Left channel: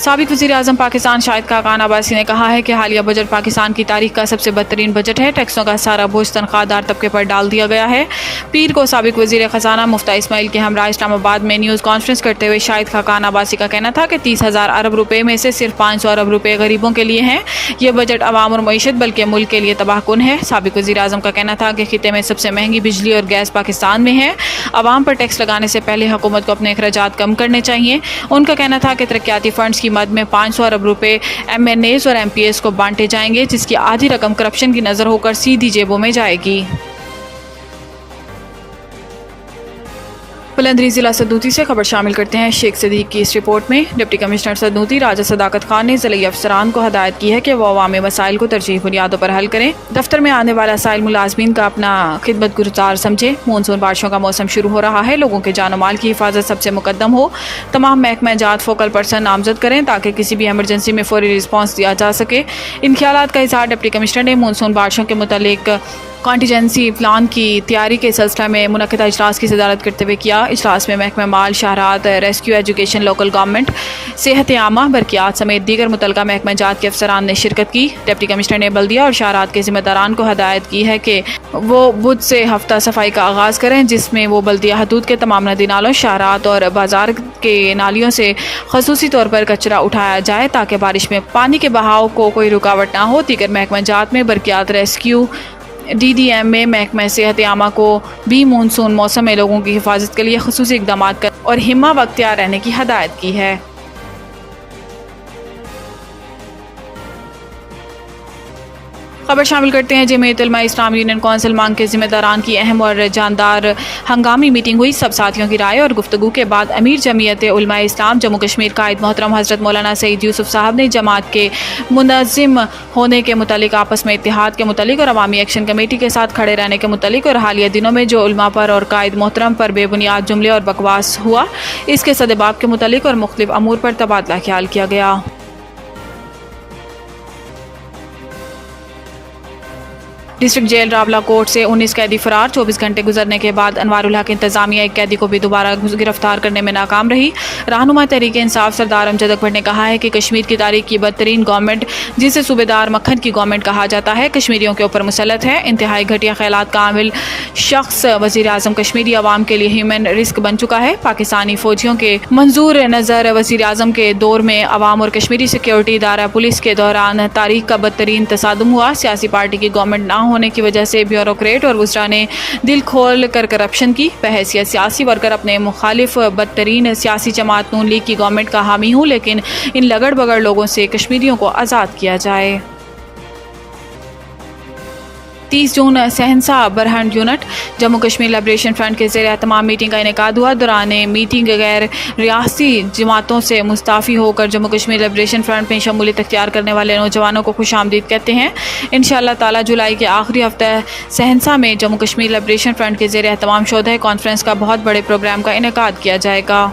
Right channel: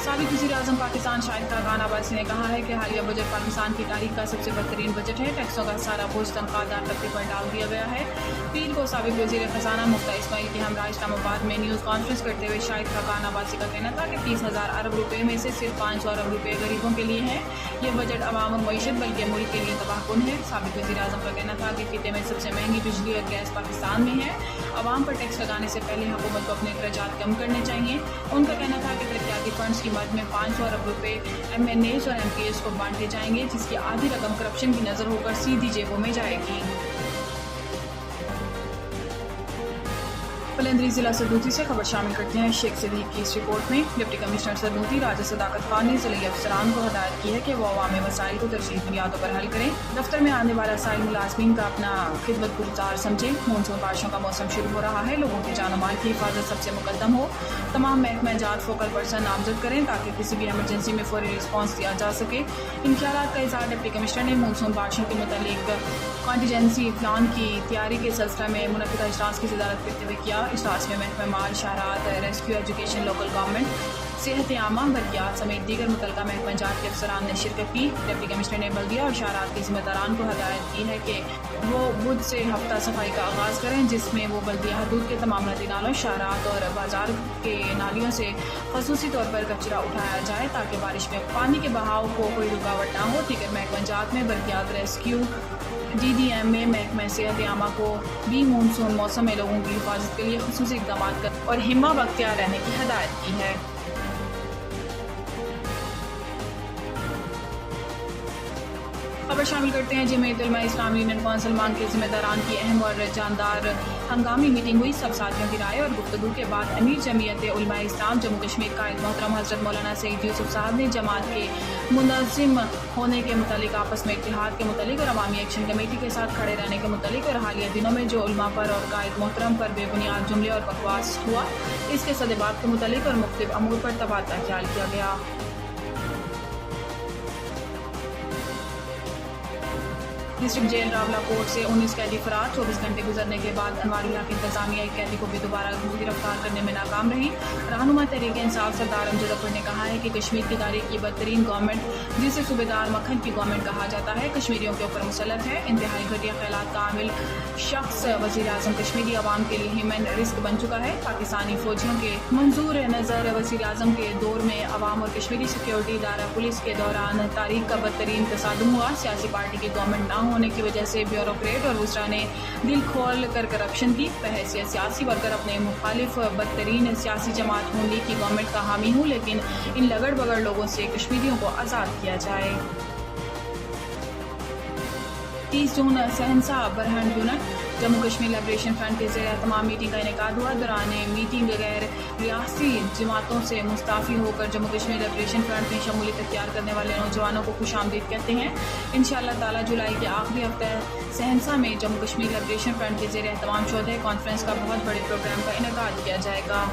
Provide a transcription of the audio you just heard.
سابق وزیر اعظم پاکستان شاہد خاقان عباسی نے کہا ہے کہ حالیہ بجٹ پاکستان کی تاریخ کا سب سے بدترین بجٹ ہے۔ ٹیکسوں کا سارا بوجھ تنخواہ دار طبقے پر ڈال دیا گیا ہے۔ پیر کو سابق وزیر خزانہ مفتیٰ اسماعیل کے ہمراہ اسلام آباد میں نیوز کانفرنس کرتے ہوئے شاہد خاقان عباسی کا کہنا تھا کہ 30,000 ارب روپے میں سے صرف 500 ارب روپے غریبوں کے لیے ہیں۔ یہ بجٹ عوام اور معیشت بلکہ ملک کے لیے تباہ کن ہے۔ سابق وزیر اعظم کا کہنا تھا کہ خطے میں سب سے مہنگی بجلی اور گیس پاکستان میں ہے۔ عوام پر ٹیکس لگانے سے پہلے حکومت کو اپنے اخراجات کم کرنے چاہیے۔ ان کا کہنا تھا کہ ترقیاتی فنڈز کی مد میں 500 ارب روپے ایم این ایز اور ایم پی ایز کو بانٹے جائیں گے، جس کی آدھی رقم کرپشن کی نظر ہو کر سیدھی جیبوں میں جائے گی۔ بلندری ضلع سدوتی سے خبر شامل کرتے ہیں شیخ صدیق کی اس رپورٹ میں۔ ڈپٹی کمشنر سدوتی راجہ صداقت خان نے ضلعی افسران کو ہدایت کی ہے کہ وہ عوامی مسائل کو ترجیحی بنیادوں پر حل کریں۔ دفتر میں آنے والا سائل ملازمین کا اپنا خدمت گزار سمجھے۔ مونسون بارشوں کا موسم شروع ہو رہا ہے، لوگوں کے جان و مال کی حفاظت سب سے مقدم ہو۔ تمام محکمہ جات فوکل پرسن نامزد کریں تاکہ کسی بھی ایمرجنسی میں فوری رسپانس دیا جا سکے۔ ان خیالات کا اظہار ڈپٹی کمشنر نے مونسون بارشوں کے متعلق کانٹیجنسی پلان کی تیاری کے سلسلہ میں منعقدہ اجلاس کی صدارت کرتے ہوئے کیا۔ اجلاس میں محکمہ مال، شاہراہات، ریسکیو، ایجوکیشن، لوکل گورنمنٹ، صحت عامہ، برقیات سمیت دیگر متعلقہ محکمہ جات کے افسران نے شرکت کی۔ ڈپٹی کمشنر نے بلدیہ اور شاہراہات کے ذمہ داران کو ہدایت کی ہے کہ وہ بدھ سے ہفتہ صفائی کا آغاز کریں، جس میں وہ بلدیہ حدود کے تمام ندی نالوں، شاہراہات اور بازار کے نالیوں سے خصوصی طور پر کچرا اٹھایا جائے تاکہ بارش میں پانی کے بہاؤ کو کوئی رکاوٹ نہ ہو۔ دیگر محکمہ جات میں برقیات، ریسکیو، ڈی ڈی ایم میں محکمہ صحت عامہ کو بھی مونسون موسم میں لوگوں کی حفاظت کے لیے خصوصی اقدامات کرنے اور ہمہ وقت تیار رہنے کی ہدایت کی ہے۔ خبر شامل کرتے ہیں جمعیت علماء اسلام یونین کونسل مانگ کے ذمہ داران کی اہم اور جاندار ہنگامی میٹنگ ہوئی۔ سب ساتھیوں کی رائے اور گفتگو کے بعد امیر جمعیت علماء اسلام جموں کشمیر قائد محترم حضرت مولانا سعید یوسف صاحب نے جماعت کے منظم ہونے کے متعلق، آپس میں اتحاد کے متعلق اور عوامی ایکشن کمیٹی کے ساتھ کھڑے رہنے کے متعلق اور حالیہ دنوں میں جو علماء پر اور قائد محترم پر بے بنیاد جملے اور بکواس ہوا، اس کے سدباب کے متعلق اور مختلف امور پر تبادلہ خیال کیا گیا۔ ڈسٹرکٹ جیل راولہ کوٹ سے 19 قیدی فرار۔ 24 گھنٹے گزرنے کے بعد انوار الحق انتظامیہ ایک قیدی کو بھی دوبارہ گرفتار کرنے میں ناکام رہی۔ رہنما تحریک انصاف سردار امجد اکبر نے کہا ہے کہ کشمیر کی تاریخ کی بدترین گورنمنٹ، جسے صوبے دار مکھن کی گورنمنٹ کہا جاتا ہے، کشمیریوں کے اوپر مسلط ہے۔ انتہائی گھٹیا خیالات کا عامل شخص وزیر اعظم کشمیری عوام کے لیے ہیومن رسک بن چکا ہے۔ پاکستانی فوجیوں کے منظور نظر وزیر اعظم کے دور میں عوام اور کشمیری سیکیورٹی ادارہ پولیس کے دوران تاریخ کا بدترین تصادم ہوا۔ سیاسی پارٹی کی گورنمنٹ نہ ہونے کی وجہ سے بیوروکریٹ اور وزراء نے دل کھول کر کرپشن کی۔ بحیثیت سیاسی ورکر اپنے مخالف بدترین سیاسی جماعت نون لیگ کی گورنمنٹ کا حامی ہوں، لیکن ان لگڑ بگڑ لوگوں سے کشمیریوں کو آزاد کیا جائے۔ 30 جون سہنسا برہنڈ unit Jammu Kashmir liberation front کے زیر اہتمام میٹنگ کا انعقاد ہوا۔ دوران میٹنگ غیر ریاستی جماعتوں سے مستعفی ہو کر جموں کشمیر لبریشن فرنٹ میں شمولیت اختیار کرنے والے نوجوانوں کو خوش آمدید کہتے ہیں۔ انشاءاللہ تعالی جولائی کے آخری ہفتہ سہنسا میں جموں کشمیر لبریشن فرنٹ کے زیر اہتمام شودہ کانفرنس کا بہت بڑے پروگرام کا انعقاد کیا جائے گا۔